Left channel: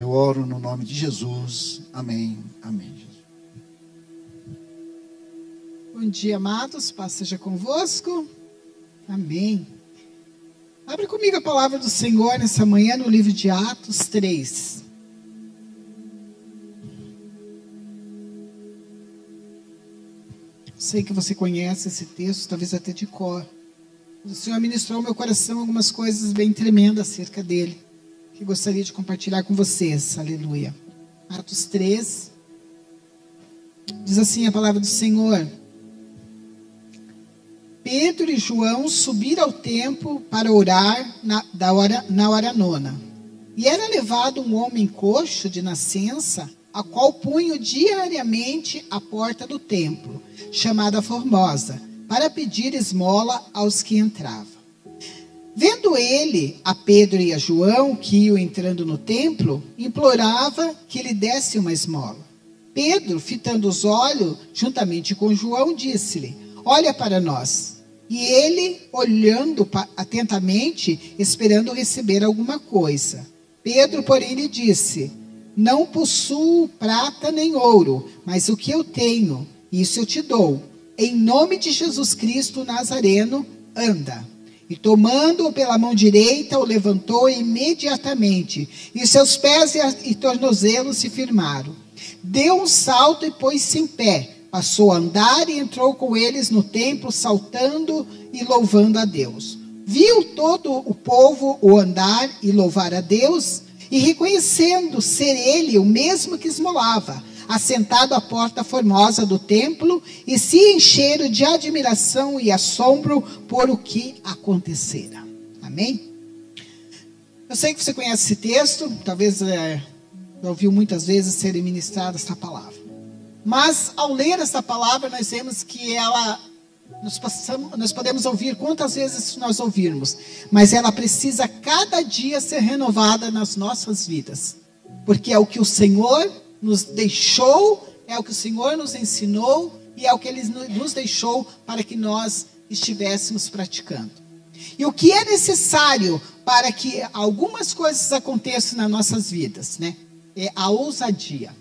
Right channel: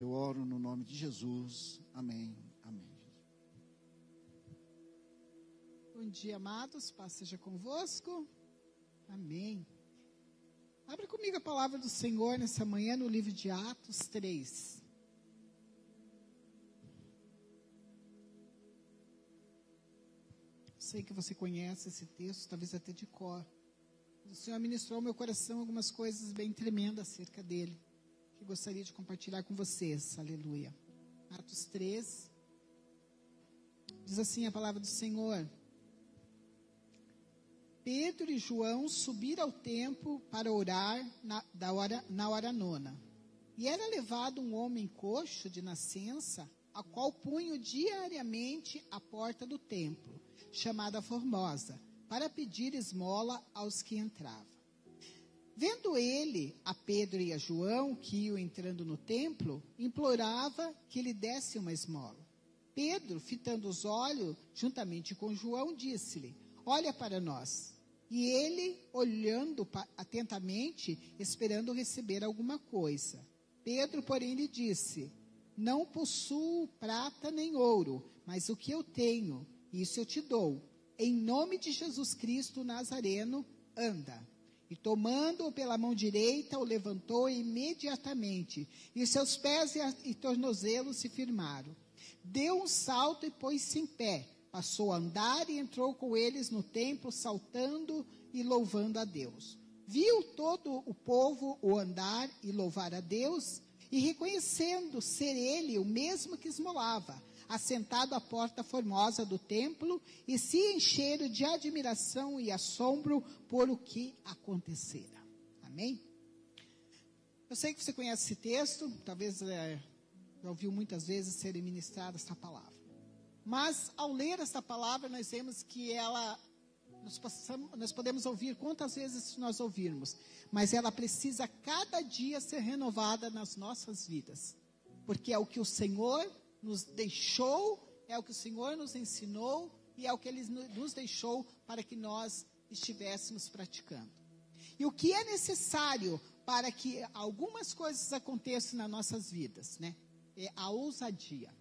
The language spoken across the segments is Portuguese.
Eu oro no nome de Jesus. Amém. Amém. Bom dia, amados. Paz seja convosco. Amém. Abre comigo a palavra do Senhor nessa manhã no livro de Atos 3. Sei que você conhece esse texto, talvez até de cor. O Senhor ministrou ao meu coração algumas coisas bem tremendas acerca dele, que gostaria de compartilhar com vocês. Aleluia. Atos 3. Diz assim a palavra do Senhor: Pedro e João subiram ao templo para orar na hora nona. E era levado um homem coxo de nascença, a qual punham diariamente à porta do templo, chamada Formosa, para pedir esmola aos que entravam. Vendo ele a Pedro e a João, que iam entrando no templo, implorava que lhe desse uma esmola. Pedro, fitando os olhos, juntamente com João, disse-lhe: Olha para nós. E ele, olhando atentamente, esperando receber alguma coisa. Pedro, porém, lhe disse: Não possuo prata nem ouro, mas o que eu tenho, isso eu te dou. Em nome de Jesus Cristo Nazareno, anda. E tomando-o pela mão direita, o levantou imediatamente, e seus pés e tornozelos se firmaram. Deu um salto e pôs-se em pé, passou a andar e entrou com eles no templo, saltando e louvando a Deus. Viu todo o povo o andar e louvar a Deus, e reconhecendo ser ele o mesmo que esmolava, assentado à porta formosa do templo, e se encheram de admiração e assombro por o que acontecera. Amém? Eu sei que você conhece esse texto, talvez já ouviu muitas vezes ser ministrada essa palavra. Mas ao ler essa palavra, nós vemos que ela, nós podemos ouvir quantas vezes nós ouvirmos, mas ela precisa cada dia ser renovada nas nossas vidas, porque é o que o Senhor nos deixou, é o que o Senhor nos ensinou e é o que Ele nos deixou para que nós estivéssemos praticando. E o que é necessário para que algumas coisas aconteçam nas nossas vidas, né? É a ousadia.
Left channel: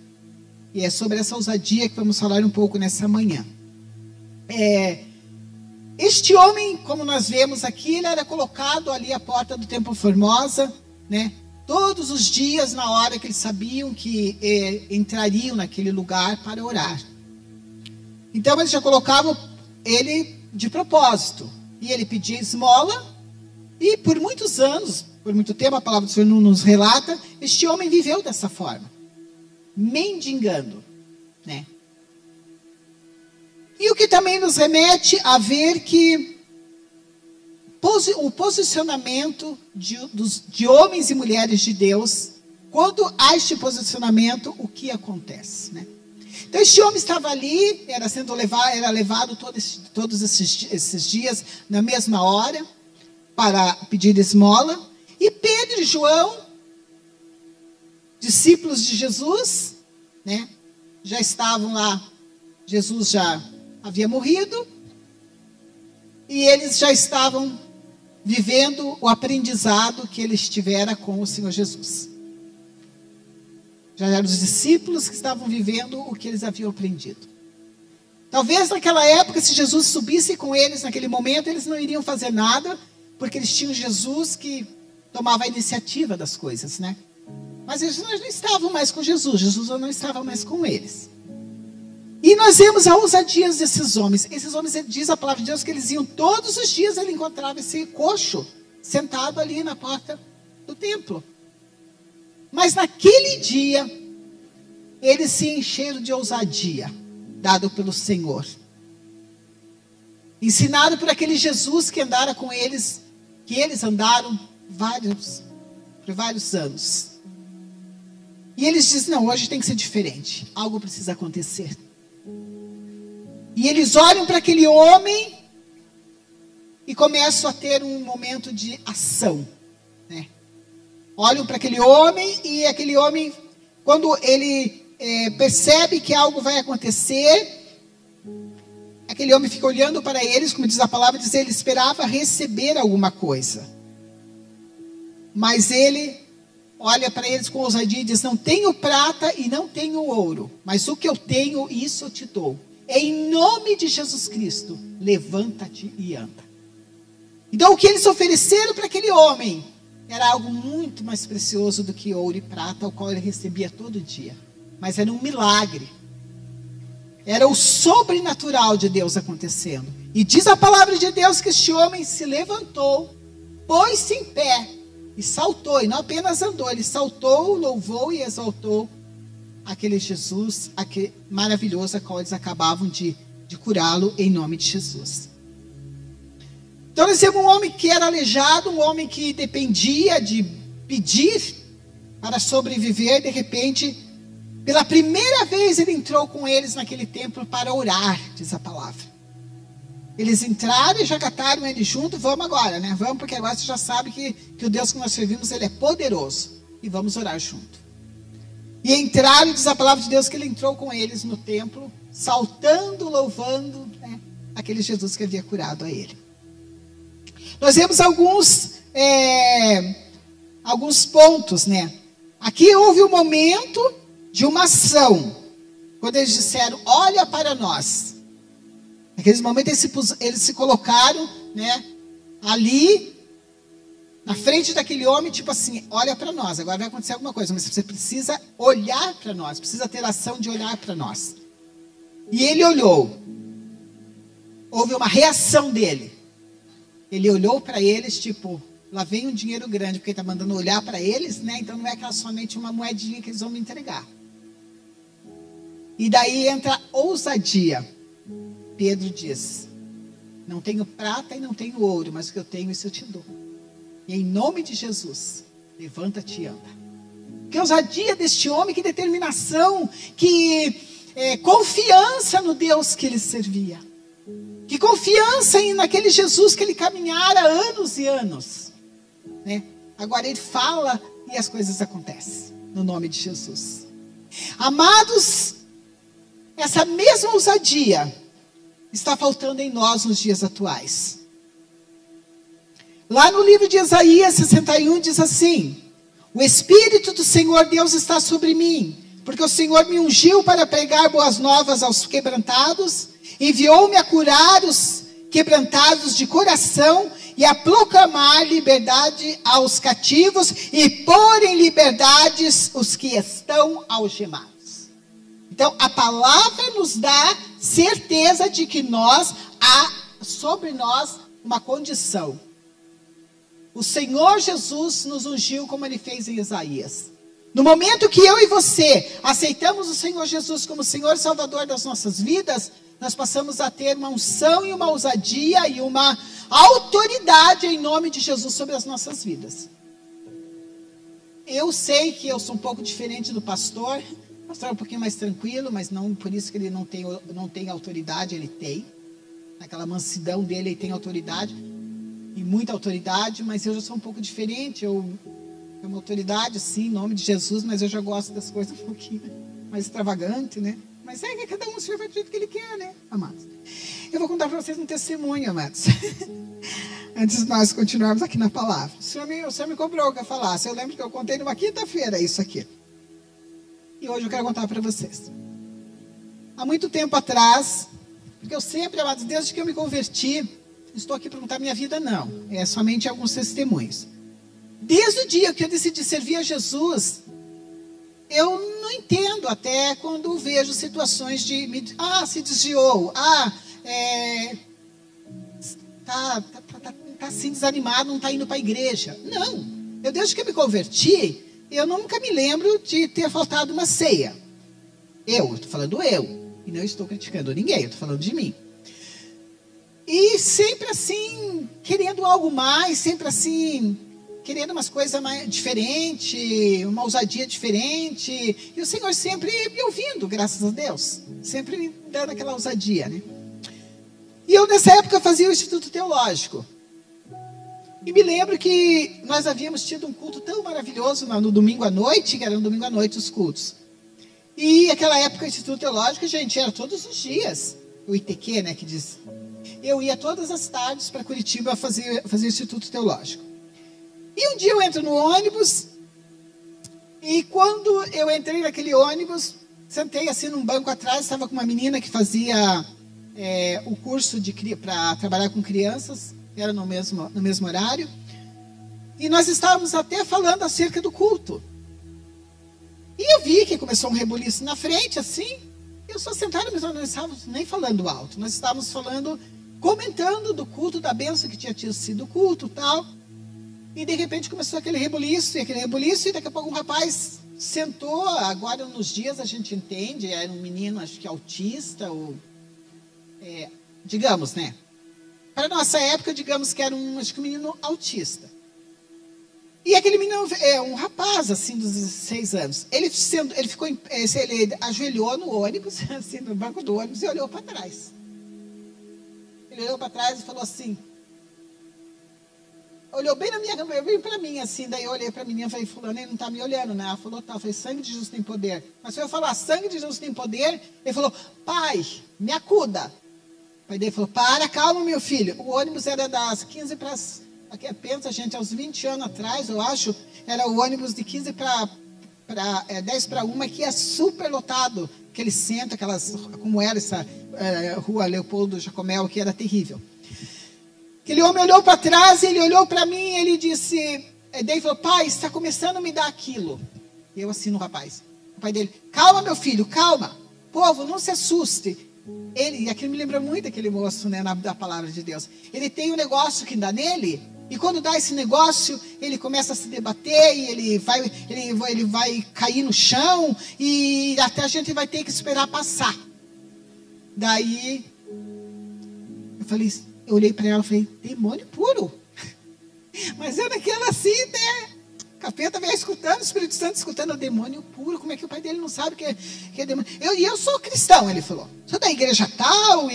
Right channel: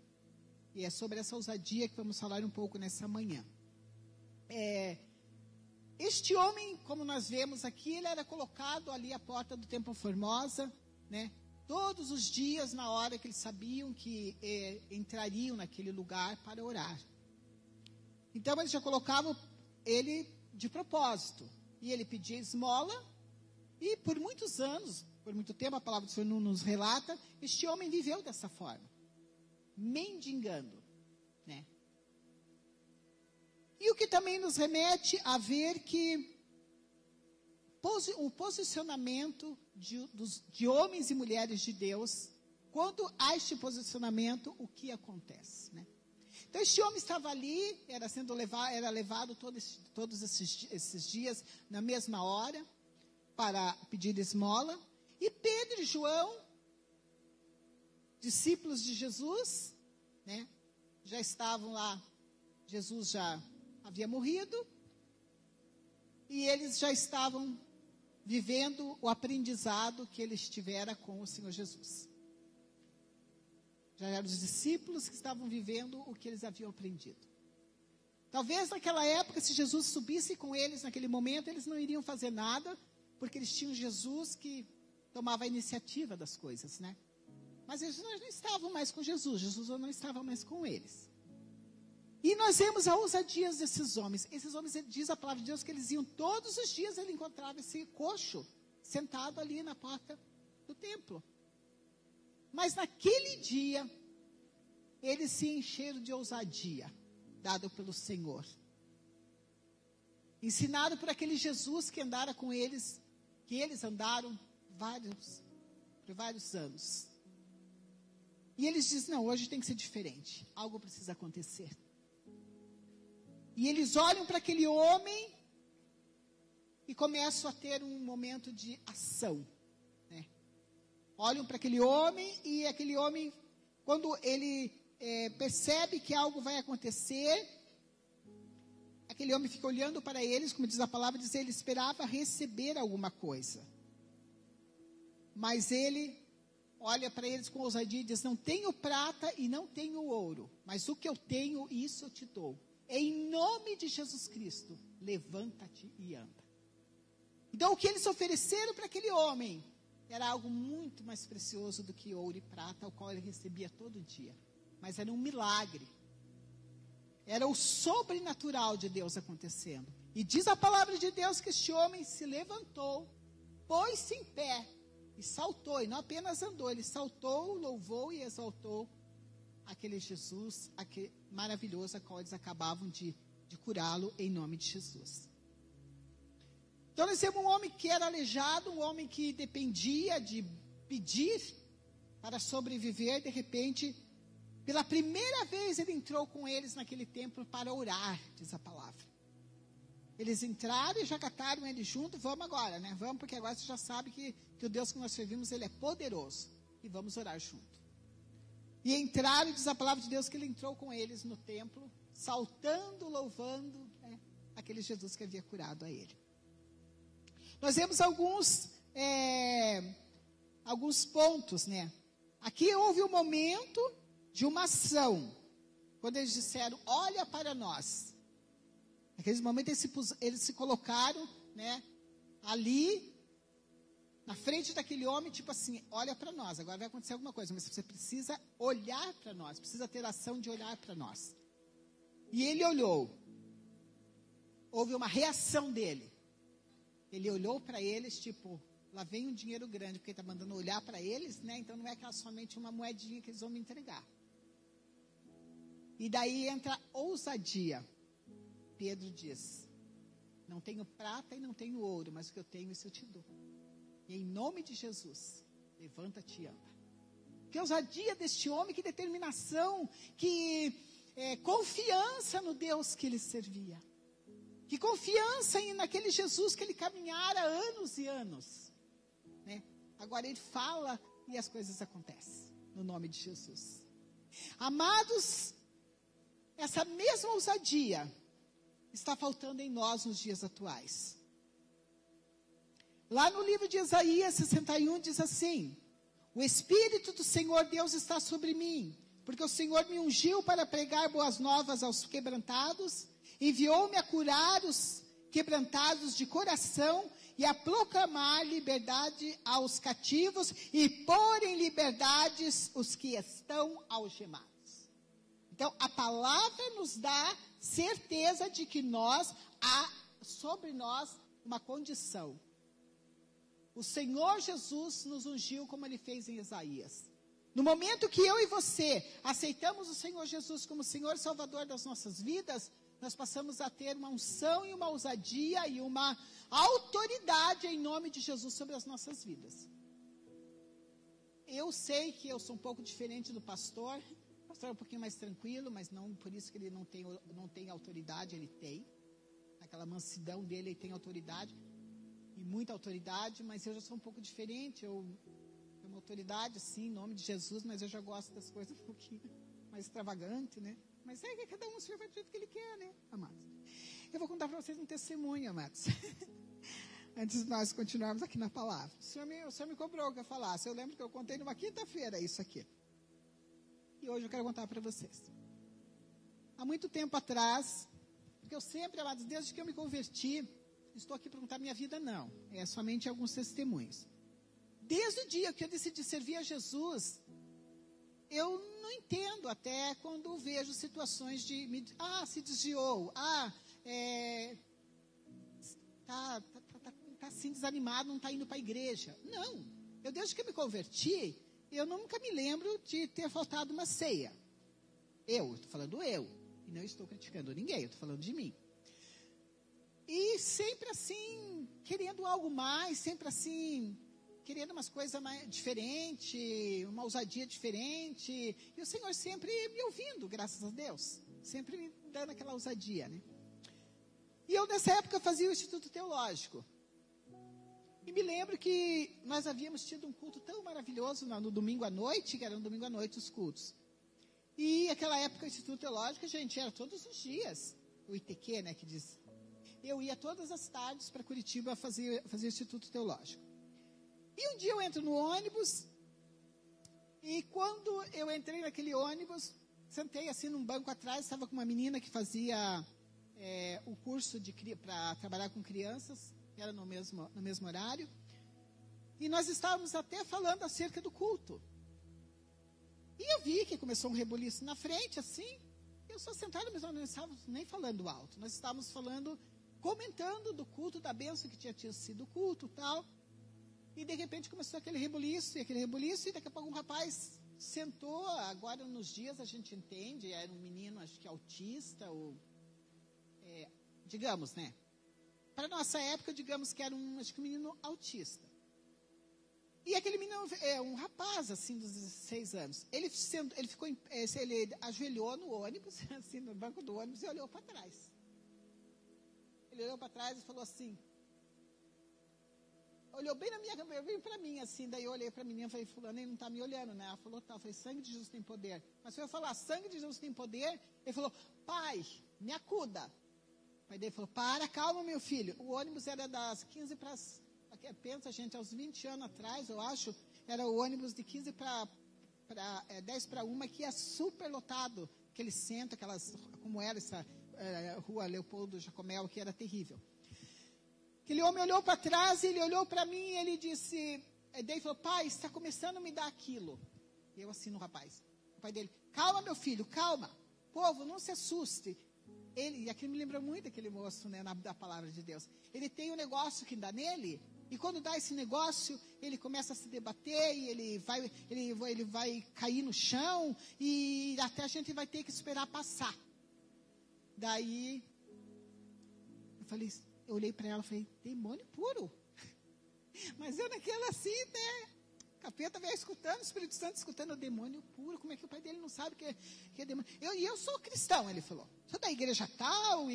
E é sobre essa ousadia que vamos falar um pouco nessa manhã. Este homem, como nós vemos aqui, ele era colocado ali à porta do Templo Formosa, né? Todos os dias, na hora que eles sabiam que entrariam naquele lugar para orar. Então, eles já colocavam ele de propósito. E ele pedia esmola. E por muitos anos, por muito tempo, a palavra do Senhor nos relata, este homem viveu dessa forma. Mendigando, né? E o que também nos remete a ver que o posicionamento de homens e mulheres de Deus, quando há este posicionamento, o que acontece, né? Então, este homem estava ali, era levado todos esses dias, na mesma hora, para pedir esmola, e Pedro e João, discípulos de Jesus, né, já estavam lá, Jesus já havia morrido, e eles já estavam vivendo o aprendizado que eles tiveram com o Senhor Jesus. Já eram os discípulos que estavam vivendo o que eles haviam aprendido. Talvez naquela época, se Jesus subisse com eles naquele momento, eles não iriam fazer nada, porque eles tinham Jesus que tomava a iniciativa das coisas, né? Mas eles não estavam mais com Jesus, Jesus não estava mais com eles. E nós vemos a ousadia desses homens. Esses homens, diz a palavra de Deus, que eles iam todos os dias, ele encontrava esse coxo sentado ali na porta do templo. Mas naquele dia, eles se encheram de ousadia, dado pelo Senhor. Ensinado por aquele Jesus que andara com eles, que eles andaram por vários anos. E eles dizem: não, hoje tem que ser diferente. Algo precisa acontecer. E eles olham para aquele homem e começam a ter um momento de ação, né? Olham para aquele homem e aquele homem, quando ele percebe que algo vai acontecer, aquele homem fica olhando para eles, como diz a palavra, diz, ele esperava receber alguma coisa. Mas ele olha para eles com ousadia e diz: não tenho prata e não tenho ouro, mas o que eu tenho, isso eu te dou. Em nome de Jesus Cristo, levanta-te e anda. Então o que eles ofereceram para aquele homem era algo muito mais precioso do que ouro e prata, o qual ele recebia todo dia. Mas era um milagre. Era o sobrenatural de Deus acontecendo. E diz a palavra de Deus que este homem se levantou, pôs-se em pé e saltou. E não apenas andou, ele saltou, louvou e exaltou aquele Jesus, aquele maravilhoso, a qual eles acabavam de curá-lo em nome de Jesus. Então nós temos um homem que era aleijado, um homem que dependia de pedir para sobreviver. De repente, pela primeira vez ele entrou com eles naquele templo para orar, diz a palavra. Eles entraram e já cataram ele junto. Vamos agora, né? Vamos, porque agora você já sabe que o Deus que nós servimos, ele é poderoso. E vamos orar junto. E entraram, diz a palavra de Deus, que ele entrou com eles no templo, saltando, louvando, né, aquele Jesus que havia curado a ele. Nós vemos alguns pontos, né? Aqui houve um momento de uma ação, quando eles disseram: olha para nós. Naqueles momentos eles se colocaram, né, ali na frente daquele homem, tipo assim: olha para nós, agora vai acontecer alguma coisa, mas você precisa olhar para nós, precisa ter ação de olhar para nós. E ele olhou. Houve uma reação dele. Ele olhou para eles, tipo, lá vem um dinheiro grande, porque ele está mandando olhar para eles, né? Então não é aquela somente uma moedinha que eles vão me entregar. E daí entra a ousadia. Pedro diz: não tenho prata e não tenho ouro, mas o que eu tenho, isso eu te dou. E em nome de Jesus, levanta-te e anda. Que ousadia deste homem, que determinação, que confiança no Deus que ele servia. Que confiança naquele Jesus que ele caminhara anos e anos, né? Agora ele fala e as coisas acontecem, no nome de Jesus. Amados, essa mesma ousadia está faltando em nós nos dias atuais. Lá no livro de Isaías 61 diz assim: o Espírito do Senhor Deus está sobre mim, porque o Senhor me ungiu para pregar boas novas aos quebrantados, enviou-me a curar os quebrantados de coração e a proclamar liberdade aos cativos e pôr em liberdades os que estão algemados. Então, a palavra nos dá certeza de que há sobre nós uma condição. O Senhor Jesus nos ungiu como ele fez em Isaías. No momento que eu e você aceitamos o Senhor Jesus como Senhor e Salvador das nossas vidas, nós passamos a ter uma unção e uma ousadia e uma autoridade em nome de Jesus sobre as nossas vidas. Eu sei que eu sou um pouco diferente do pastor. O pastor é um pouquinho mais tranquilo, mas não por isso que ele não tem autoridade, ele tem. Naquela mansidão dele, ele tem autoridade, e muita autoridade, mas eu já sou um pouco diferente. Eu tenho uma autoridade, sim, em nome de Jesus, mas eu já gosto das coisas um pouquinho mais extravagante, né? Mas é que cada um se vai do jeito que ele quer, né, amados? Eu vou contar para vocês um testemunho, amados. Antes de nós continuarmos aqui na palavra. O senhor me cobrou que eu falasse. Eu lembro que eu contei numa quinta-feira isso aqui. E hoje eu quero contar para vocês. Há muito tempo atrás, porque eu sempre, amados, desde que eu me converti, estou aqui para contar minha vida, não. É somente alguns testemunhos. Desde o dia que eu decidi servir a Jesus, eu não entendo até quando vejo situações de... se desviou. Tá assim desanimado, não está indo para a igreja. Não. Desde que eu me converti, eu nunca me lembro de ter faltado uma ceia. Eu estou falando eu. E não estou criticando ninguém, eu estou falando de mim. E sempre assim, querendo algo mais, sempre assim... querendo umas coisas mais diferentes, uma ousadia diferente. E o Senhor sempre me ouvindo, graças a Deus. Sempre me dando aquela ousadia, né? E eu, nessa época, fazia o Instituto Teológico. E me lembro que nós havíamos tido um culto tão maravilhoso no domingo à noite, que era no domingo à noite os cultos. E naquela época, o Instituto Teológico, gente, era todos os dias. O ITQ, né, que diz. Eu ia todas as tardes para Curitiba fazer o Instituto Teológico. E um dia eu entro no ônibus E quando eu entrei naquele ônibus, sentei assim num banco atrás, estava com uma menina que fazia o curso para trabalhar com crianças, era no mesmo horário. E nós estávamos até falando acerca do culto. E eu vi que começou um rebuliço na frente, assim. Eu só sentada, mas nós não estávamos nem falando alto. Nós estávamos falando, comentando do culto, da bênção que tinha tido sido o culto e tal. E de repente começou aquele rebuliço, e daqui a pouco um rapaz sentou. Agora nos dias a gente entende, era um menino, acho que autista, ou digamos, né? Para a nossa época, digamos que era um menino autista. E aquele menino um rapaz, assim, dos 16 anos. Ele ajoelhou no ônibus, assim, no banco do ônibus, e olhou para trás. Ele olhou para trás e falou assim, olhou bem para mim, assim, daí eu olhei para a menina e falei, fulano, ele não está me olhando, né? Ela falou, tá, eu falei, sangue de Jesus tem poder. Mas se eu falar, sangue de Jesus tem poder, ele falou, pai, me acuda. O pai dele falou, calma, meu filho. O ônibus era das 15 para... Aqui pensa, gente, aos 20 anos atrás, eu acho, era o ônibus de 15 para 10 para 1, que é super lotado. Aquele centro, como era essa rua Leopoldo Jacomel, que era terrível. Aquele homem olhou para trás, ele olhou para mim, ele disse, daí falou, pai, está começando a me dar aquilo. E eu assim no rapaz. O pai dele, calma, meu filho, calma. Povo, não se assuste. E aquilo me lembra muito aquele moço, né, da palavra de Deus. Ele tem um negócio que dá nele, e quando dá esse negócio, ele começa a se debater, e ele vai cair no chão, e até a gente vai ter que esperar passar. Daí, eu olhei para ela e falei, demônio puro. Mas eu naquela assim, né? Capeta veio escutando, o Espírito Santo escutando, o demônio puro. Como é que o pai dele não sabe que é demônio? Eu sou cristão, ele falou. Sou da igreja tal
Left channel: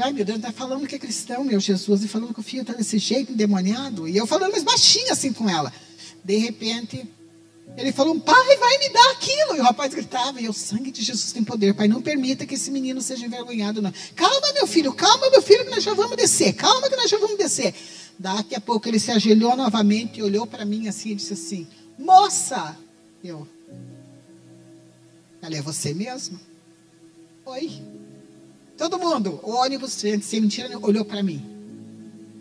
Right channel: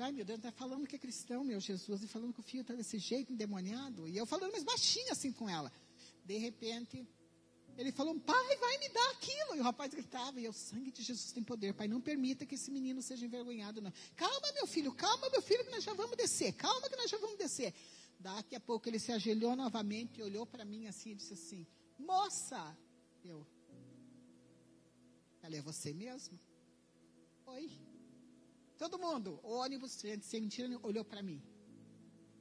ai, meu Deus, está falando que é cristão, meu Jesus, e falando que o filho está desse jeito, endemoniado. E eu falando mais baixinho assim com ela. De repente, ele falou, pai, vai me dar aquilo. E o rapaz gritava, e o sangue de Jesus tem poder. Pai, não permita que esse menino seja envergonhado, não. Calma, meu filho, que nós já vamos descer. Calma que nós já vamos descer. Daqui a pouco ele se ajoelhou novamente e olhou para mim assim e disse assim, moça. Ela é você mesmo? Oi. Todo mundo, o ônibus, sem mentira, olhou para mim.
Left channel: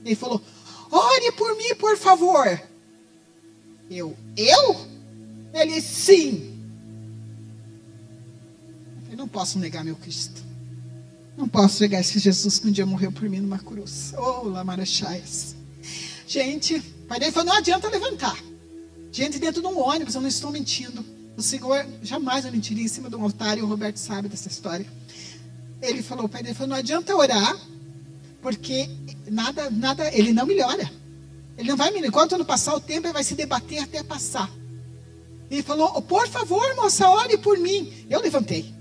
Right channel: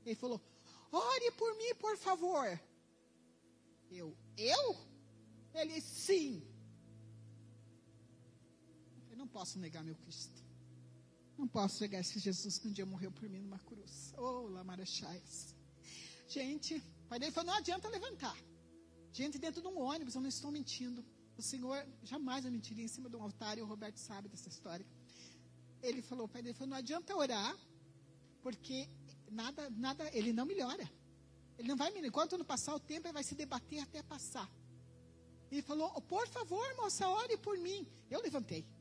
Ele falou, ore por mim, por favor. Eu? Ele, sim. Eu não posso negar meu Cristo. Não posso negar esse Jesus que um dia morreu por mim numa cruz. Oh, Lamarachaias. Gente, o pai dele falou, não adianta levantar. Gente, dentro de um ônibus, eu não estou mentindo. O Senhor jamais eu mentiria em cima de um altar, e o Roberto sabe dessa história. Ele falou, o pai dele falou, não adianta orar, porque nada, ele não melhora. Ele não vai melhorar. Enquanto não passar o tempo, ele vai se debater até passar. Ele falou, por favor, moça, ore por mim. Eu levantei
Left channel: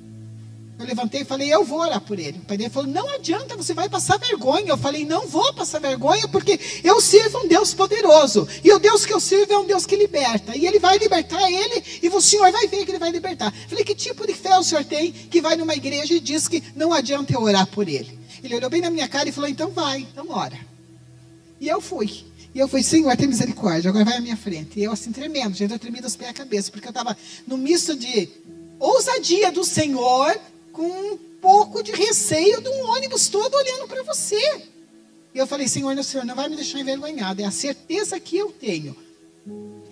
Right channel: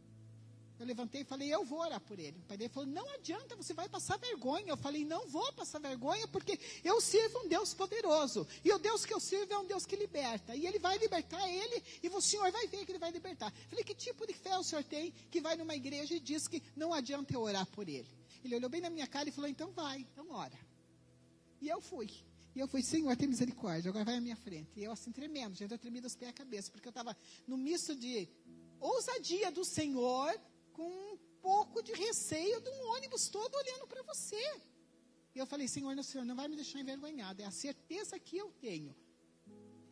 e falei, eu vou orar por ele. O pai dele falou, não adianta, você vai passar vergonha. Eu falei, não vou passar vergonha, porque eu sirvo um Deus poderoso. E o Deus que eu sirvo é um Deus que liberta. E ele vai libertar ele, e o Senhor vai ver que ele vai libertar. Eu falei, que tipo de fé o senhor tem que vai numa igreja e diz que não adianta eu orar por ele? Ele olhou bem na minha cara e falou, então vai, então ora. E eu fui. Senhor, tem misericórdia, agora vai à minha frente. E eu assim tremendo, gente, eu tremi dos pés à cabeça, porque eu estava no misto de ousadia do Senhor, com um pouco de receio de um ônibus todo olhando para você. E eu falei, Senhor, o Senhor não vai me deixar envergonhado, é a certeza que eu tenho.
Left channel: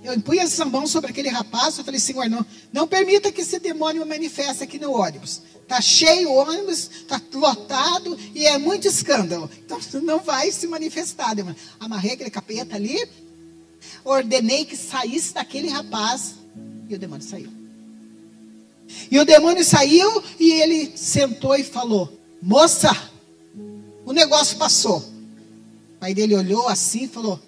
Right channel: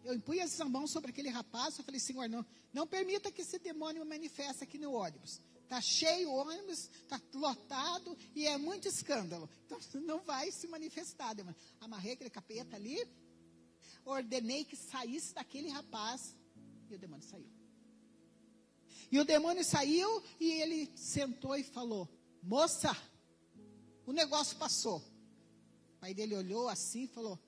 Eu pus essa mão sobre aquele rapaz, eu falei, Senhor, não permita que esse demônio manifeste aqui no ônibus. Está cheio o ônibus, está lotado e é muito escândalo. Então não vai se manifestar, demônio. Amarrei aquele capeta ali, ordenei que saísse daquele rapaz e o demônio saiu. E o demônio saiu e ele sentou e falou, moça, o negócio passou. O pai dele olhou assim e falou,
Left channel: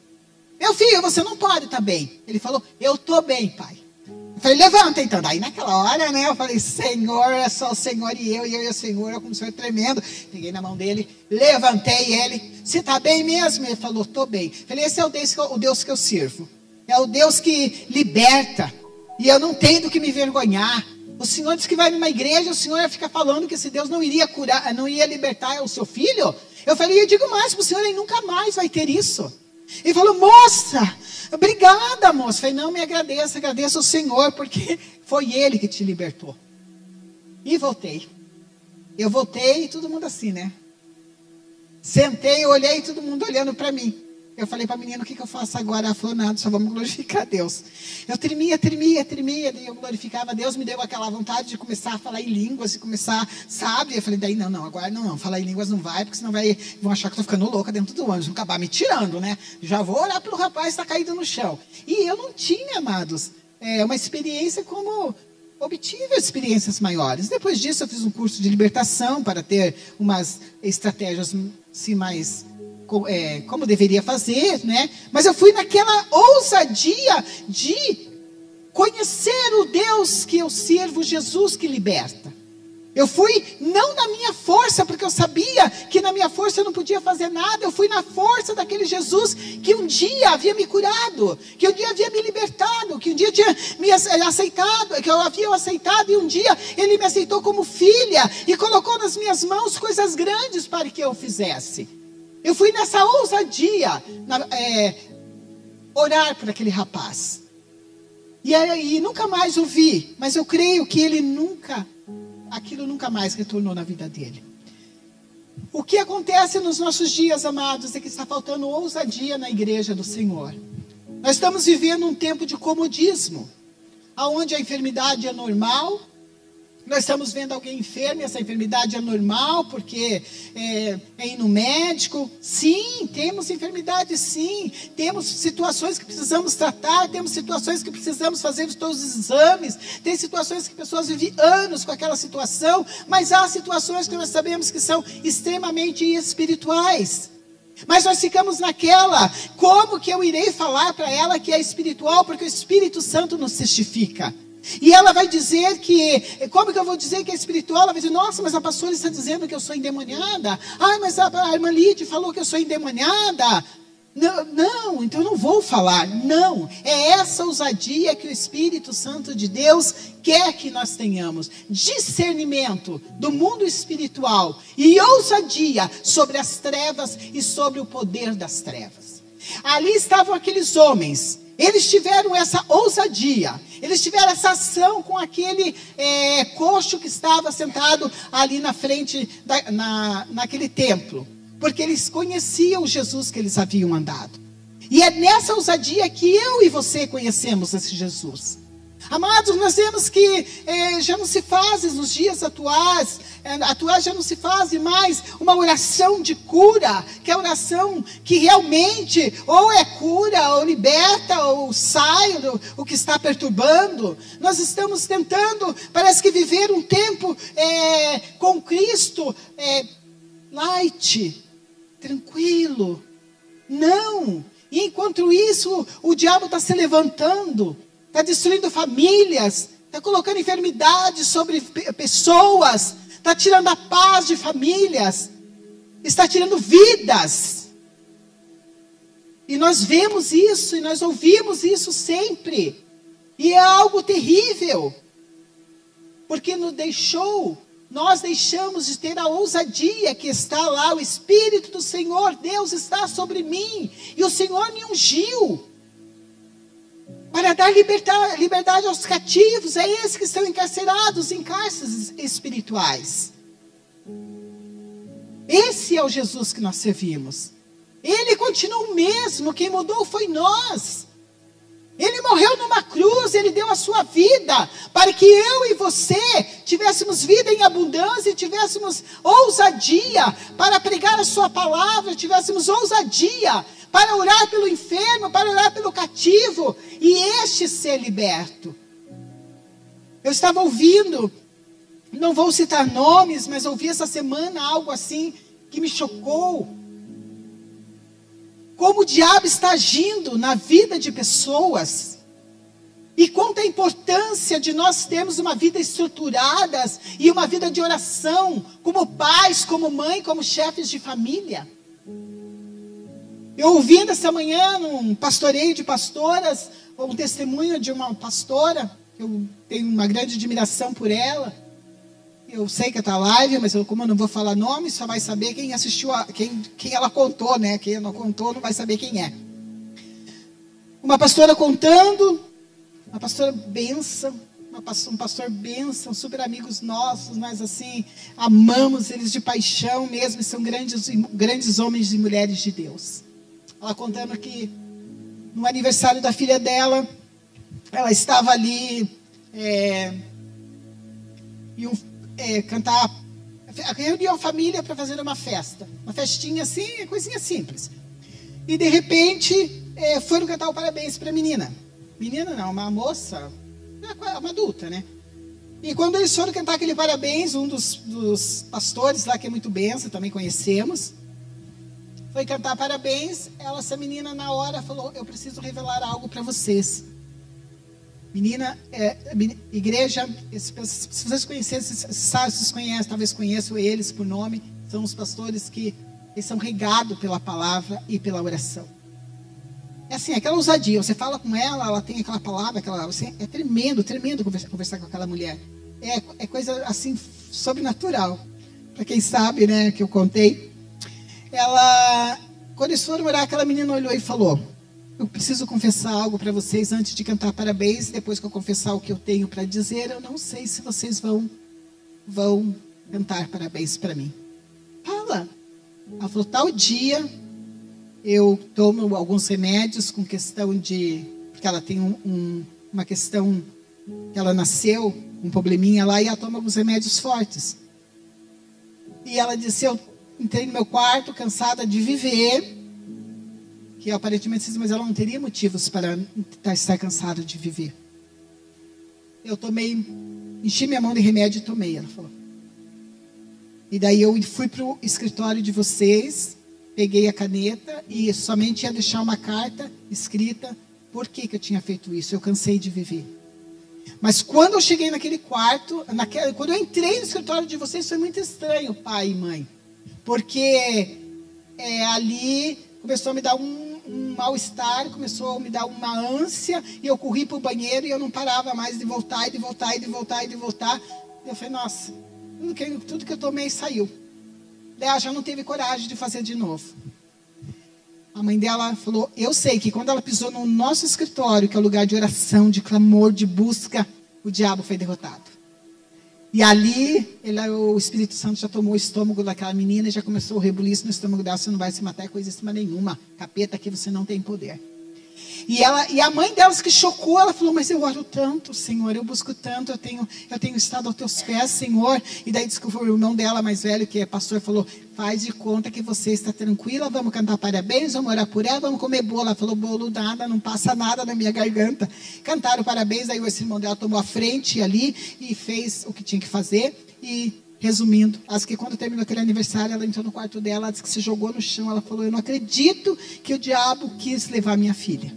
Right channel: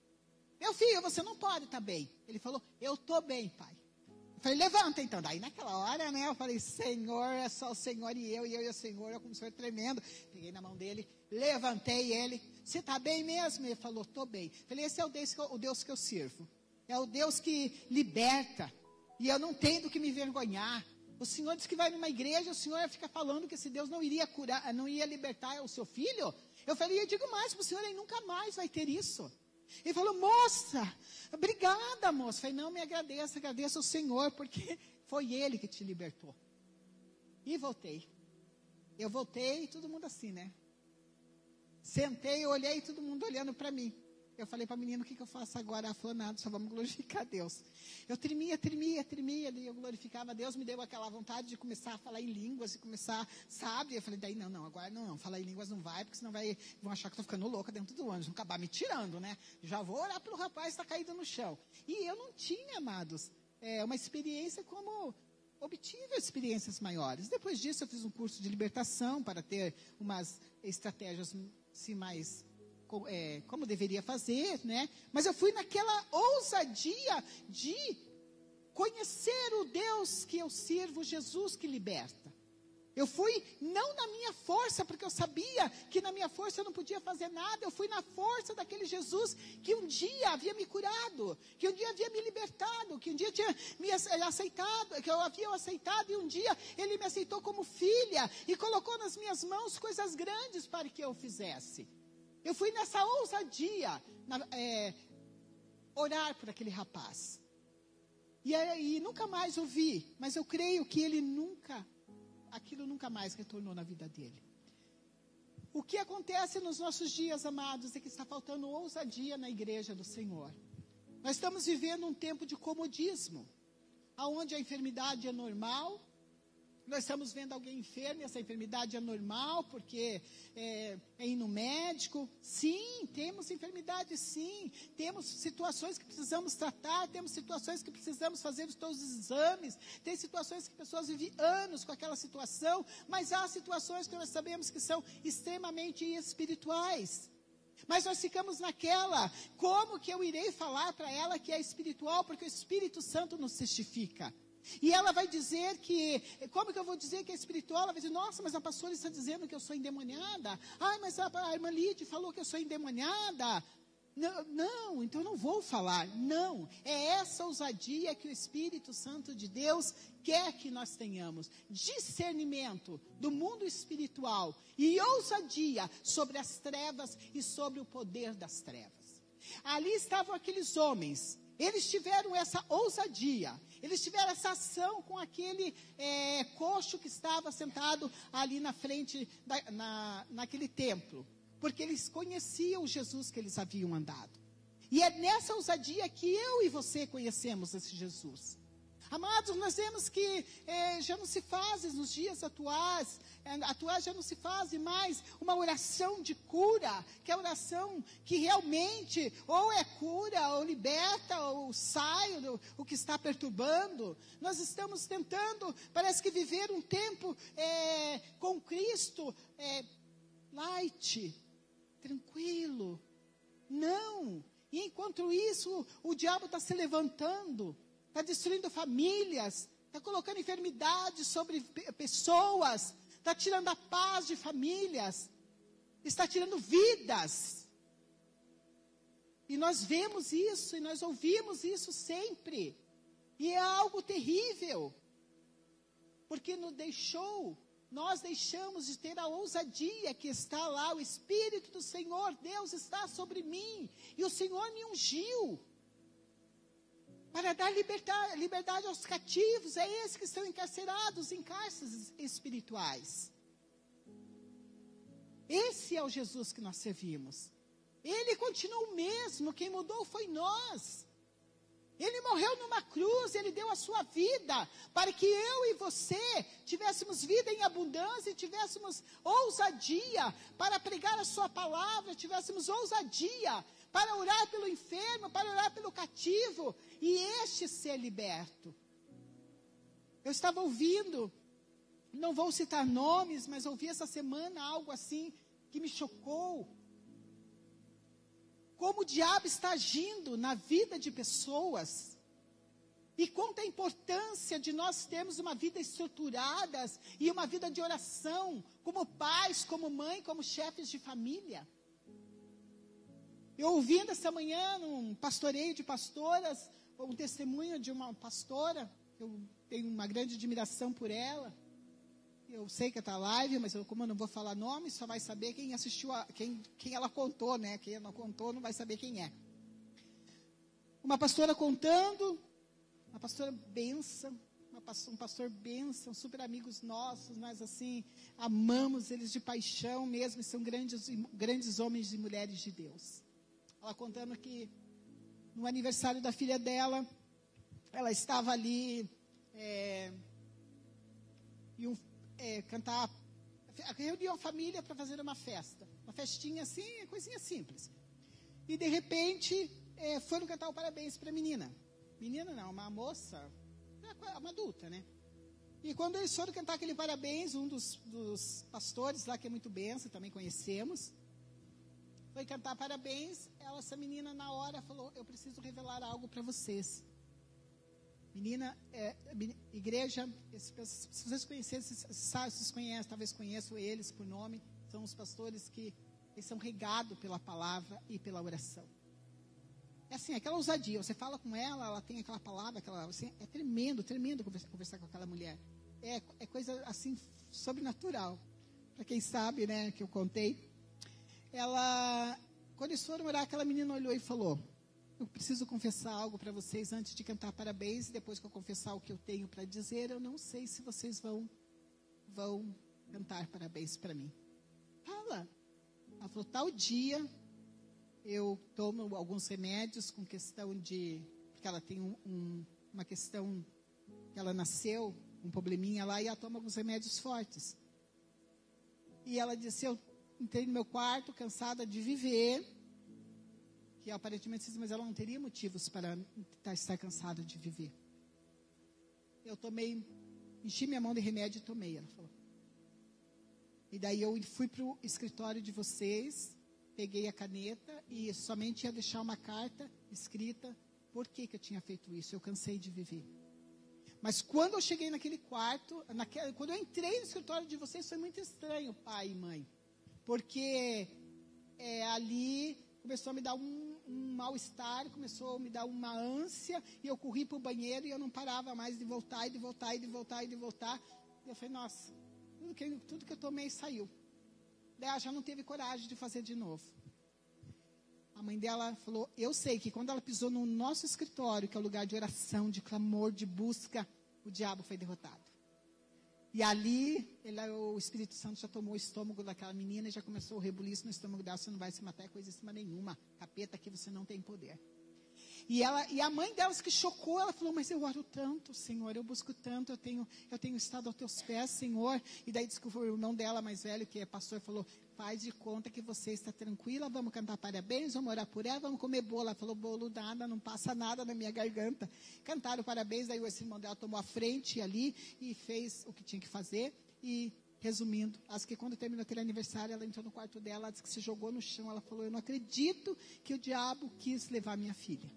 meu filho, você não pode estar bem. Ele falou, eu estou bem, pai. Eu falei, levanta então. Daí naquela hora, né, eu falei, Senhor, é só o Senhor e eu e o Senhor, eu como o Senhor tremendo. Peguei na mão dele, levantei ele. Você está bem mesmo? Ele falou, estou bem. Eu falei, esse é o Deus que eu sirvo. É o Deus que liberta. E eu não tenho do que me envergonhar. O Senhor disse que vai numa igreja, o Senhor fica falando que esse Deus não iria curar, não ia libertar o seu filho. Eu falei, eu digo mais para o Senhor, ele nunca mais vai ter isso. Ele falou, moça, obrigada, moça. Eu falei, não me agradeça, agradeço ao Senhor, porque foi Ele que te libertou. E voltei. Eu voltei e todo mundo assim, né? Sentei, olhei, todo mundo olhando para mim. Eu falei para a menina, o que eu faço agora? Ela falou, nada, só vamos glorificar a Deus. Eu tremia, daí eu glorificava a Deus, me deu aquela vontade de começar a falar em línguas, de começar, sabe? Eu falei, daí agora não, falar em línguas não vai, porque senão vão achar que eu estou ficando louca dentro do ônibus, vão acabar me tirando, né? Já vou orar pelo rapaz que está caído no chão. E eu não tinha, amados, uma experiência como... obtive experiências maiores. Depois disso, eu fiz um curso de libertação para ter umas estratégias assim, mais... como deveria fazer, né? Mas eu fui naquela ousadia de conhecer o Deus que eu sirvo, Jesus que liberta. Eu fui não na minha força, porque eu sabia que na minha força eu não podia fazer nada. Eu fui na força daquele Jesus que um dia havia me curado, que um dia havia me libertado, que um dia tinha me aceitado, que eu havia aceitado, e um dia Ele me aceitou como filha e colocou nas minhas mãos coisas grandes para que eu fizesse. Eu fui nessa ousadia, orar por aquele rapaz. E nunca mais o vi, mas eu creio que aquilo nunca mais retornou na vida dele. O que acontece nos nossos dias, amados, é que está faltando ousadia na igreja do Senhor. Nós estamos vivendo um tempo de comodismo, onde a enfermidade é normal. Nós estamos vendo alguém enfermo, e essa enfermidade é normal, porque é ir no médico. Sim, temos enfermidade, sim. Temos situações que precisamos tratar, temos situações que precisamos fazer todos os exames. Tem situações que pessoas vivem anos com aquela situação, mas há situações que nós sabemos que são extremamente espirituais. Mas nós ficamos naquela, como que eu irei falar para ela que é espiritual, porque o Espírito Santo nos testifica. E ela vai dizer que, como que eu vou dizer que é espiritual? Ela vai dizer, nossa, mas a pastora está dizendo que eu sou endemoniada. Ai, mas a irmã Lídia falou que eu sou endemoniada. Não, então eu não vou falar. Não, é essa ousadia que o Espírito Santo de Deus quer que nós tenhamos. Discernimento do mundo espiritual e ousadia sobre as trevas e sobre o poder das trevas. Ali estavam aqueles homens. Eles tiveram essa ousadia, eles tiveram essa ação com aquele coxo que estava sentado ali na frente, naquele templo. Porque eles conheciam o Jesus que eles haviam andado. E é nessa ousadia que eu e você conhecemos esse Jesus. Amados, nós vemos que já não se faz nos dias atuais já não se faz mais uma oração de cura, que é a oração que realmente ou é cura, ou liberta, ou sai o que está perturbando. Nós estamos tentando, parece que viver um tempo com Cristo, light, tranquilo. Não, e enquanto isso, o diabo está se levantando, está destruindo famílias, está colocando enfermidades sobre pessoas, está tirando a paz de famílias, está tirando vidas. E nós vemos isso, e nós ouvimos isso sempre. E é algo terrível, porque nós deixamos de ter a ousadia que está lá. O Espírito do Senhor, Deus está sobre mim, e o Senhor me ungiu para dar liberdade aos cativos, a esses que estão encarcerados em cárceres espirituais. Esse é o Jesus que nós servimos. Ele continua o mesmo, quem mudou foi nós. Ele morreu numa cruz, Ele deu a sua vida, para que eu e você tivéssemos vida em abundância, e tivéssemos ousadia para pregar a sua palavra, tivéssemos ousadia para orar pelo enfermo, para orar pelo cativo, e este ser liberto. Eu estava ouvindo, não vou citar nomes, mas ouvi essa semana algo assim que me chocou. Como o diabo está agindo na vida de pessoas. E quanta a importância de nós termos uma vida estruturada e uma vida de oração, como pais, como mãe, como chefes de família. Eu ouvindo essa manhã num pastoreio de pastoras, um testemunho de uma pastora, eu tenho uma grande admiração por ela. Eu sei que está live, mas como eu não vou falar nome, só vai saber quem assistiu, quem ela contou, né? Quem não contou não vai saber quem é. uma pastora contando, uma pastora bênção, um pastor bênção, super amigos nossos, nós assim, amamos eles de paixão mesmo, são grandes homens e mulheres de Deus. Ela contando que no aniversário da filha dela, ela estava ali, reuniu a família para fazer uma festa, uma festinha assim, coisinha simples. E de repente, foram cantar o parabéns para a menina. Menina não, uma moça, uma adulta, né? E quando eles foram cantar aquele parabéns, um dos pastores lá, que é muito benção, também conhecemos, foi cantar parabéns. Essa menina na hora falou: eu preciso revelar algo para vocês. Menina, igreja, se vocês conhecessem, vocês conhecem, talvez conheçam eles por nome, são os pastores que eles são regados pela palavra e pela oração. É assim, aquela ousadia, você fala com ela tem aquela palavra, é tremendo conversar com aquela mulher. É coisa assim, sobrenatural. Para quem sabe, né, que eu contei. Quando eles foram orar, aquela menina olhou e falou: eu preciso confessar algo para vocês antes de cantar parabéns. Depois que eu confessar o que eu tenho para dizer, eu não sei se vocês vão cantar parabéns para mim. Fala. Ela falou: tal dia eu tomo alguns remédios com questão de... Porque ela tem uma questão que ela nasceu, um probleminha lá, e ela toma alguns remédios fortes. E ela disse: eu entrei no meu quarto cansada de viver, que aparentemente, mas ela não teria motivos para estar cansada de viver. Eu enchi minha mão de remédio e tomei, ela falou. E daí eu fui para o escritório de vocês, peguei a caneta e somente ia deixar uma carta escrita por que eu tinha feito isso. Eu cansei de viver. Mas quando eu cheguei naquele quarto, quando eu entrei no escritório de vocês, foi muito estranho, pai e mãe. Porque ali começou a me dar um mal-estar, começou a me dar uma ânsia, e eu corri para o banheiro e eu não parava mais de voltar, e de voltar, e de voltar, e de voltar. Eu falei: nossa, tudo que eu tomei saiu. Daí ela já não teve coragem de fazer de novo. A mãe dela falou: eu sei que quando ela pisou no nosso escritório, que é o lugar de oração, de clamor, de busca, o diabo foi derrotado. E ali, o Espírito Santo já tomou o estômago daquela menina e já começou o rebuliço no estômago dela: você não vai se matar, é coisa nenhuma. Capeta, aqui você não tem poder. E a mãe delas, que chocou, ela falou: mas eu oro tanto, Senhor, eu busco tanto, eu tenho estado aos teus pés, Senhor. E daí disse que o irmão dela, mais velho, que é pastor, falou: faz de conta que você está tranquila, vamos cantar parabéns, vamos orar por ela, vamos comer bolo. Ela falou: bolo nada, não passa nada na minha garganta. Cantaram parabéns, aí esse irmão dela tomou a frente ali e fez o que tinha que fazer. E resumindo, acho que quando terminou aquele aniversário, ela entrou no quarto dela, ela disse que se jogou no chão. Ela falou: eu não acredito que o diabo quis levar minha filha.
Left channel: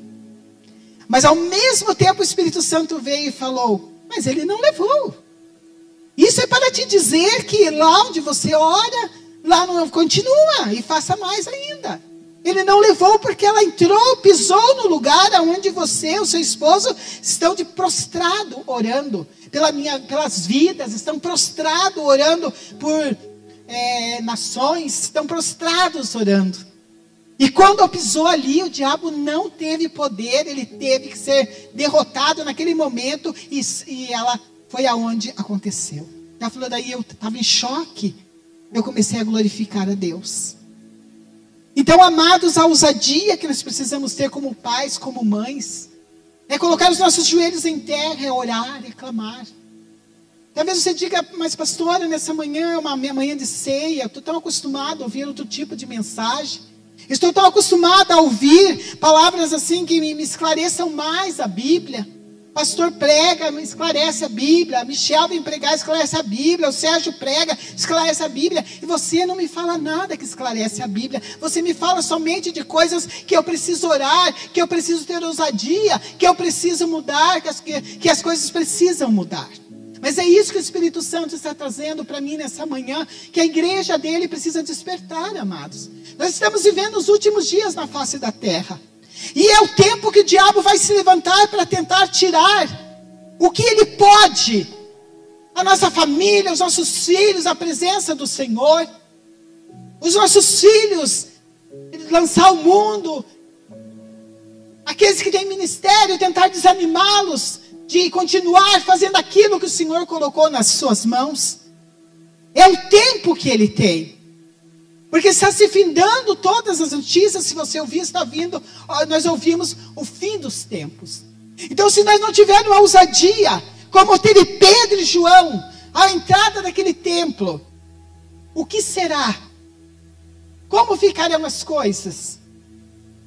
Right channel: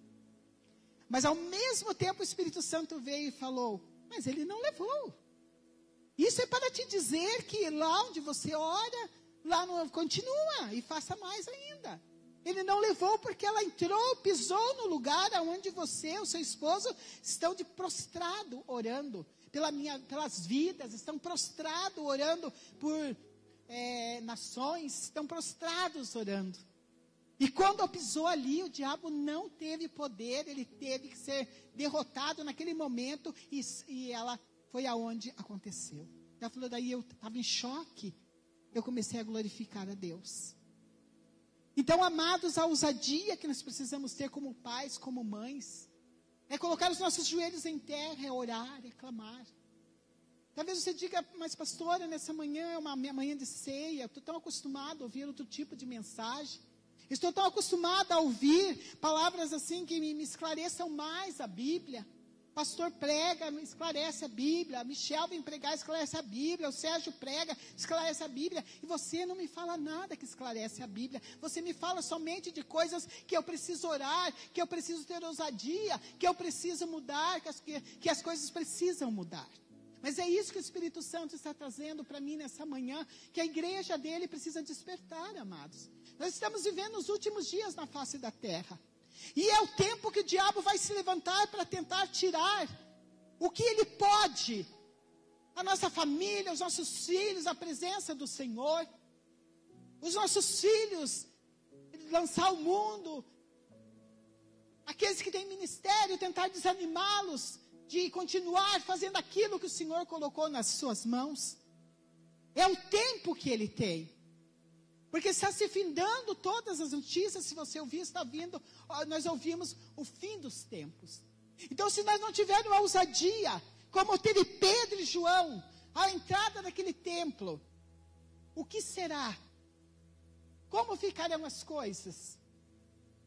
Mas ao mesmo tempo o Espírito Santo veio e falou: mas ele não levou. Isso é para te dizer que lá onde você ora, lá não continua e faça mais ainda. Ele não levou porque ela entrou, pisou no lugar onde você, o seu esposo, estão de prostrado orando pelas vidas, estão prostrados orando por nações, estão prostrados orando. E quando pisou ali, o diabo não teve poder, ele teve que ser derrotado naquele momento, e ela foi aonde aconteceu. Ela falou: daí eu estava em choque, eu comecei a glorificar a Deus. Então, amados, a ousadia que nós precisamos ter como pais, como mães, é colocar os nossos joelhos em terra, é orar, é clamar. Talvez você diga: mas pastora, nessa manhã é uma manhã de ceia, estou tão acostumado a ouvir outro tipo de mensagem. Estou tão acostumada a ouvir palavras assim que me esclareçam mais a Bíblia. Pastor prega, me esclarece a Bíblia. Michel vem pregar, esclarece a Bíblia. O Sérgio prega, esclarece a Bíblia. E você não me fala nada que esclarece a Bíblia. Você me fala somente de coisas que eu preciso orar, que eu preciso ter ousadia, que eu preciso mudar, que as coisas precisam mudar. Mas é isso que o Espírito Santo está trazendo para mim nessa manhã, que a igreja dele precisa despertar, amados. Nós estamos vivendo os últimos dias na face da terra. E é o tempo que o diabo vai se levantar para tentar tirar o que ele pode. A nossa família, os nossos filhos, a presença do Senhor. Os nossos filhos, lançar ao mundo aqueles que têm ministério, tentar desanimá-los de continuar fazendo aquilo que o Senhor colocou nas suas mãos. É o tempo que Ele tem. Porque está se findando todas as notícias, se você ouvir, está vindo, nós ouvimos o fim dos tempos. Então, se nós não tivermos a ousadia, como teve Pedro e João, à entrada daquele templo, o que será? Como ficarão as coisas?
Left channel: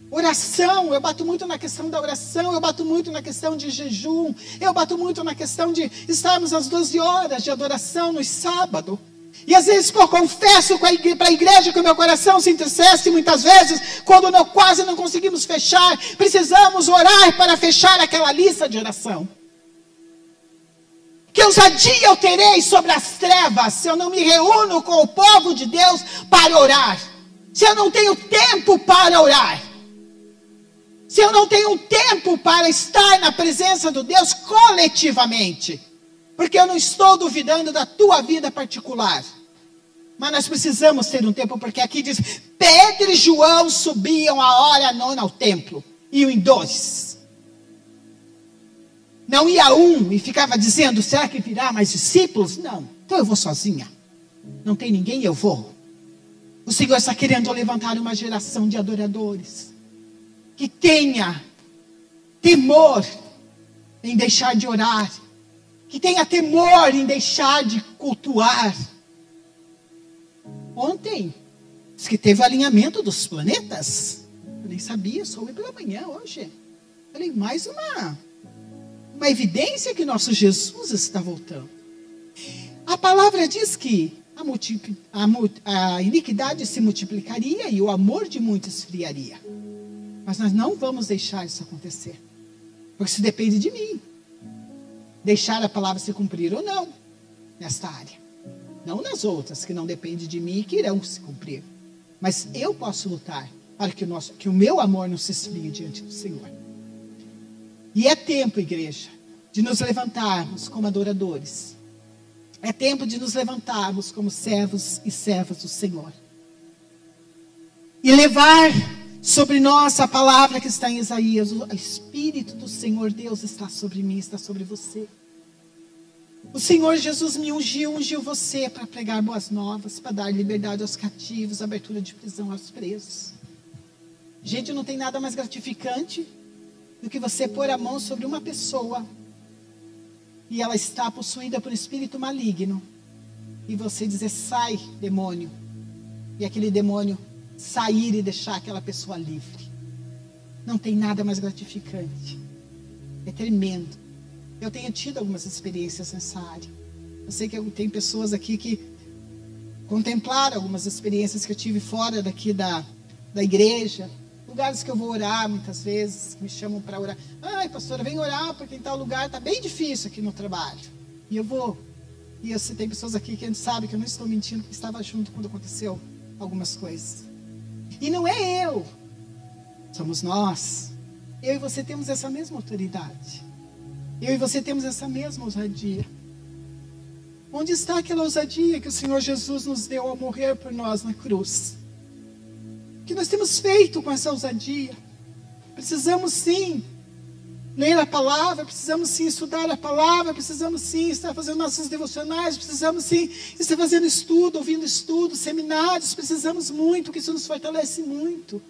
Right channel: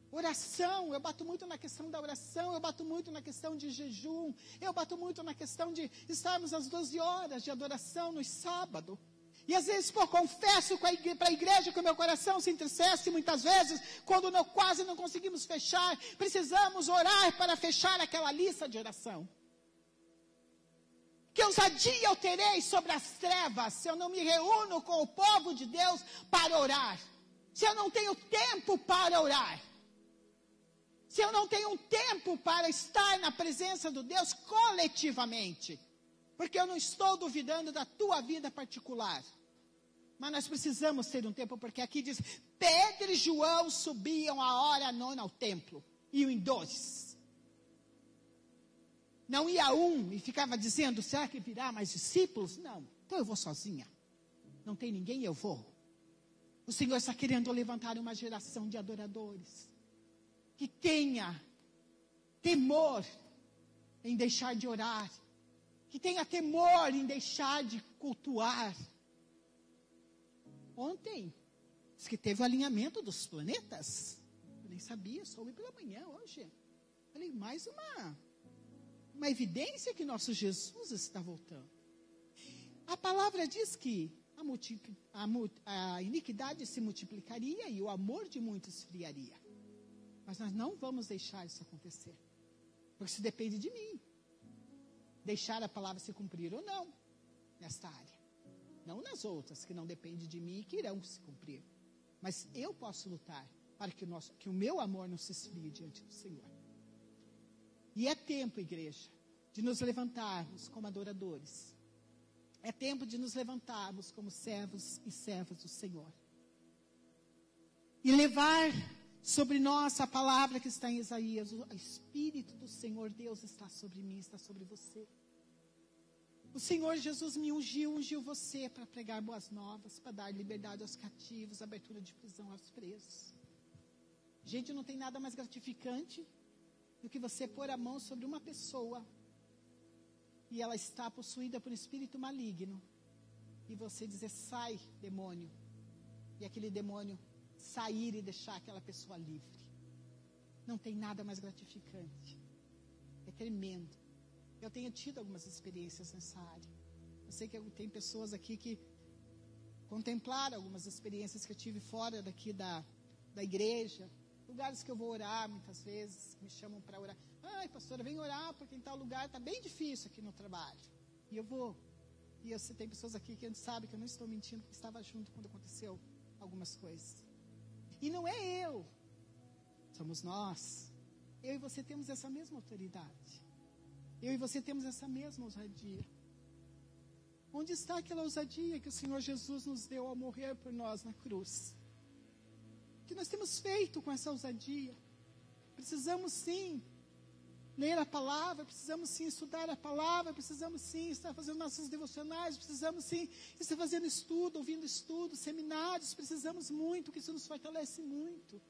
Oração, eu bato muito na questão da oração, eu bato muito na questão de jejum, eu bato muito na questão de estarmos às 12 horas de adoração no sábado. E às vezes eu confesso para a igreja que o meu coração se entristece muitas vezes, quando quase não conseguimos fechar, precisamos orar para fechar aquela lista de oração. Que ousadia eu terei sobre as trevas, se eu não me reúno com o povo de Deus para orar, se eu não tenho tempo para orar, se eu não tenho tempo para estar na presença do Deus coletivamente. Porque eu não estou duvidando da tua vida particular. Mas nós precisamos ter um tempo, porque aqui diz, Pedro e João subiam a hora nona ao templo. Iam em 2. Não ia um e ficava dizendo, será que virá mais discípulos? Não, então eu vou sozinha. Não tem ninguém, eu vou. O Senhor está querendo levantar uma geração de adoradores. Que tenha temor em deixar de orar. Que tenha temor em deixar de cultuar. Ontem, diz que teve o alinhamento dos planetas. Eu nem sabia, soube pela manhã hoje. Falei, mais uma evidência que nosso Jesus está voltando. A palavra diz que a iniquidade se multiplicaria e o amor de muitos esfriaria. Mas nós não vamos deixar isso acontecer. Porque isso depende de mim. Deixar a palavra se cumprir ou não, nesta área. Não nas outras, que não dependem de mim e que irão se cumprir. Mas eu posso lutar para que o meu amor não se esfrie diante do Senhor. E é tempo, igreja, de nos levantarmos como adoradores. É tempo de nos levantarmos como servos e servas do Senhor. E levar sobre nós a palavra que está em Isaías. O Espírito do Senhor Deus está sobre mim, está sobre você. O Senhor Jesus me ungiu você para pregar boas novas, para dar liberdade aos cativos, abertura de prisão aos presos. Gente, não tem nada mais gratificante do que você pôr a mão sobre uma pessoa e ela está possuída por um espírito maligno. E você dizer, sai, demônio. E aquele demônio sair e deixar aquela pessoa livre. Não tem nada mais gratificante. É tremendo. Eu tenho tido algumas experiências nessa área. Eu sei que tem pessoas aqui que contemplaram algumas experiências que eu tive fora daqui da igreja. Lugares que eu vou orar muitas vezes, que me chamam para orar. Ai, pastora, vem orar porque em tal lugar está bem difícil aqui no trabalho. E eu vou. E tem pessoas aqui que a gente sabe que eu não estou mentindo, porque estava junto quando aconteceu algumas coisas. E não é eu. Somos nós. Eu e você temos essa mesma autoridade. Eu e você temos essa mesma ousadia. Onde está aquela ousadia que o Senhor Jesus nos deu ao morrer por nós na cruz? O que nós temos feito com essa ousadia? Precisamos sim ler a palavra, precisamos sim estudar a palavra, precisamos sim estar fazendo nossos devocionais, precisamos sim estar fazendo estudo, ouvindo estudo, seminários, precisamos muito, que isso nos fortalece muito.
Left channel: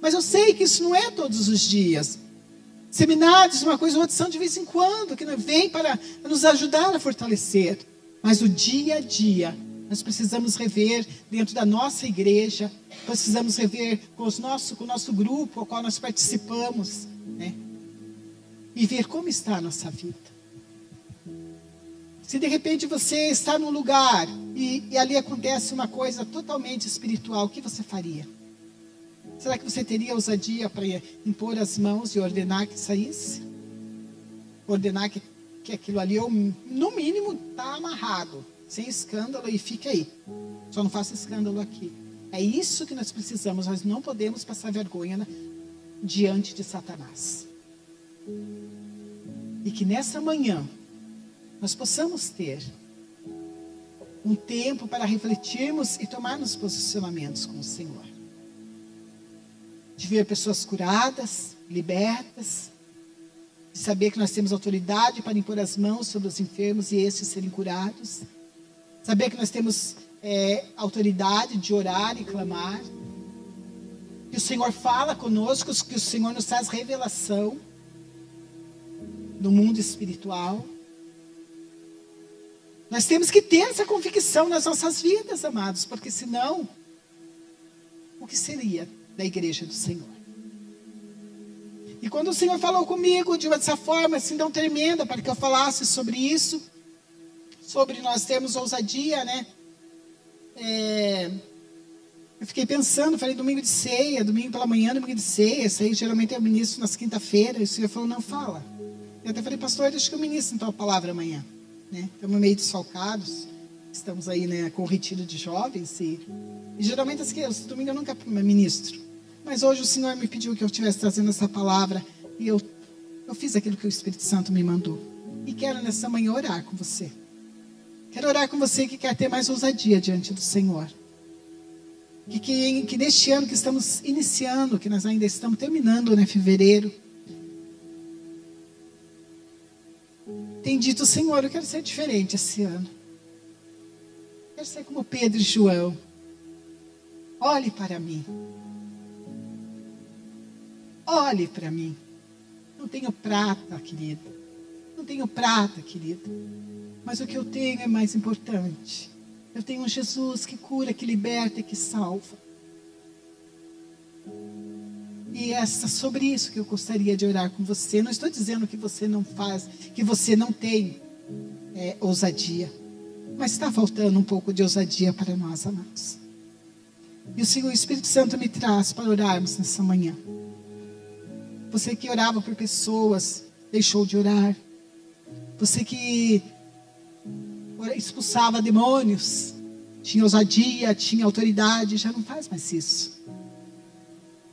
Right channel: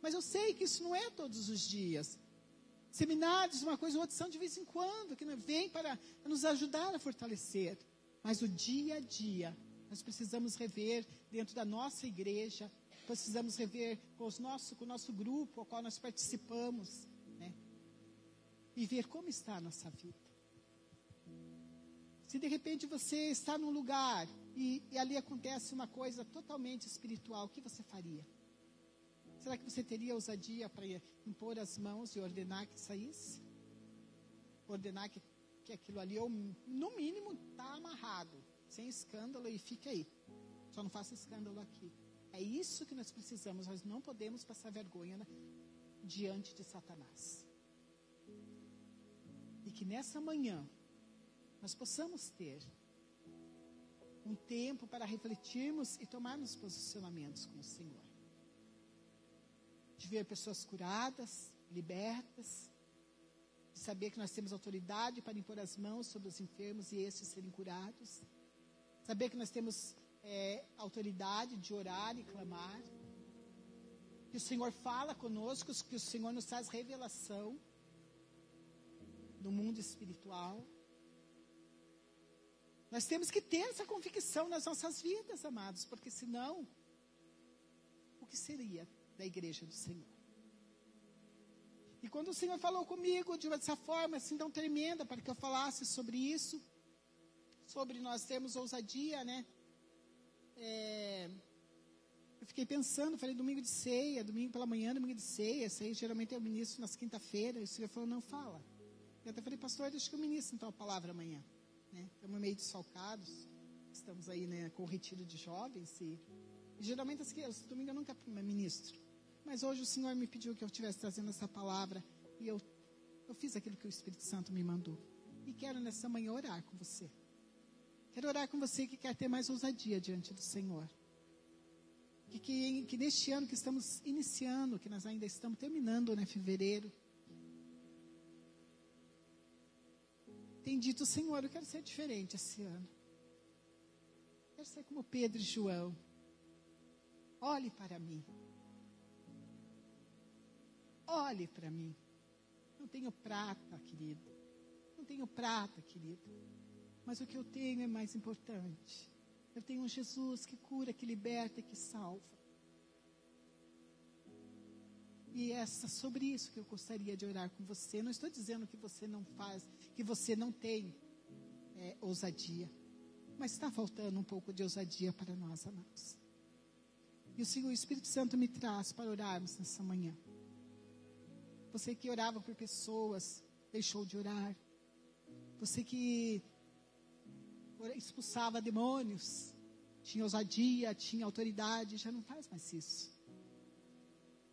Mas eu sei que isso não é todos os dias. Seminários, uma coisa ou outra, são de vez em quando, que vem para nos ajudar a fortalecer. Mas o dia a dia, nós precisamos rever dentro da nossa igreja, precisamos rever com o nosso grupo, ao qual nós participamos, né? E ver como está a nossa vida. Se de repente você está num lugar e ali acontece uma coisa totalmente espiritual, o que você faria? Será que você teria ousadia para impor as mãos e ordenar que saísse? Ordenar que aquilo ali, no mínimo, está amarrado, sem escândalo, e fique aí. Só não faça escândalo aqui. É isso que nós precisamos. Nós não podemos passar vergonha diante de Satanás. E que nessa manhã nós possamos ter um tempo para refletirmos e tomarmos posicionamentos com o Senhor. De ver pessoas curadas, libertas, de saber que nós temos autoridade para impor as mãos sobre os enfermos e estes serem curados, saber que nós temos autoridade de orar e clamar, que o Senhor fala conosco, que o Senhor nos traz revelação do mundo espiritual. Nós temos que ter essa convicção nas nossas vidas, amados, porque senão, o que seria da igreja do Senhor? E quando o Senhor falou comigo de essa forma assim tão tremenda, para que eu falasse sobre isso, sobre nós termos ousadia, né? Eu fiquei pensando, falei domingo de ceia, domingo pela manhã, domingo de ceia, isso aí geralmente eu ministro nas quinta-feiras, e o Senhor falou, não, fala. Eu até falei, pastor, deixa que eu ministro então a palavra amanhã, né? Estamos meio desfalcados, estamos aí, né, com o retiro de jovens, e geralmente os domingos eu nunca ministro. Mas hoje o Senhor me pediu que eu estivesse trazendo essa palavra, e eu fiz aquilo que o Espírito Santo me mandou. E quero nessa manhã orar com você. Quero orar com você que quer ter mais ousadia diante do Senhor. Que neste ano que estamos iniciando, que nós ainda estamos terminando, né, fevereiro, tem dito, Senhor, eu quero ser diferente esse ano. Quero ser como Pedro e João. Olhe para mim. Olhe para mim. Não tenho prata, querida. Não tenho prata, querida. Mas o que eu tenho é mais importante. Eu tenho um Jesus que cura, que liberta e que salva. E é sobre isso que eu gostaria de orar com você. Não estou dizendo que você não faz, que você não tem ousadia. Mas está faltando um pouco de ousadia para nós, amados. E o Senhor, o Espírito Santo me traz para orarmos nessa manhã. Você que orava por pessoas, deixou de orar. Você que expulsava demônios, tinha ousadia, tinha autoridade, já não faz mais isso.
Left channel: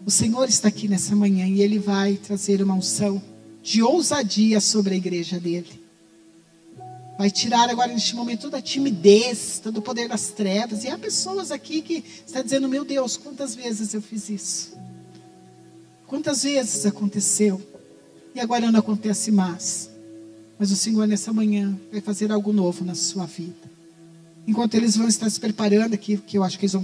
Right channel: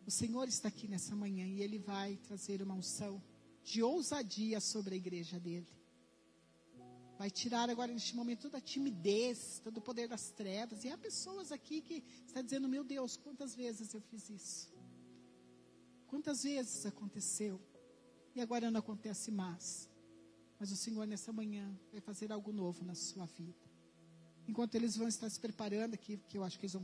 O Senhor está aqui nessa manhã e Ele vai trazer uma unção de ousadia sobre a igreja dEle. Vai tirar agora neste momento toda a timidez, todo o poder das trevas. E há pessoas aqui que estão dizendo, meu Deus, quantas vezes eu fiz isso? Quantas vezes aconteceu? E agora não acontece mais. Mas o Senhor nessa manhã vai fazer algo novo na sua vida. Enquanto eles vão estar se preparando aqui, que eu acho que eles vão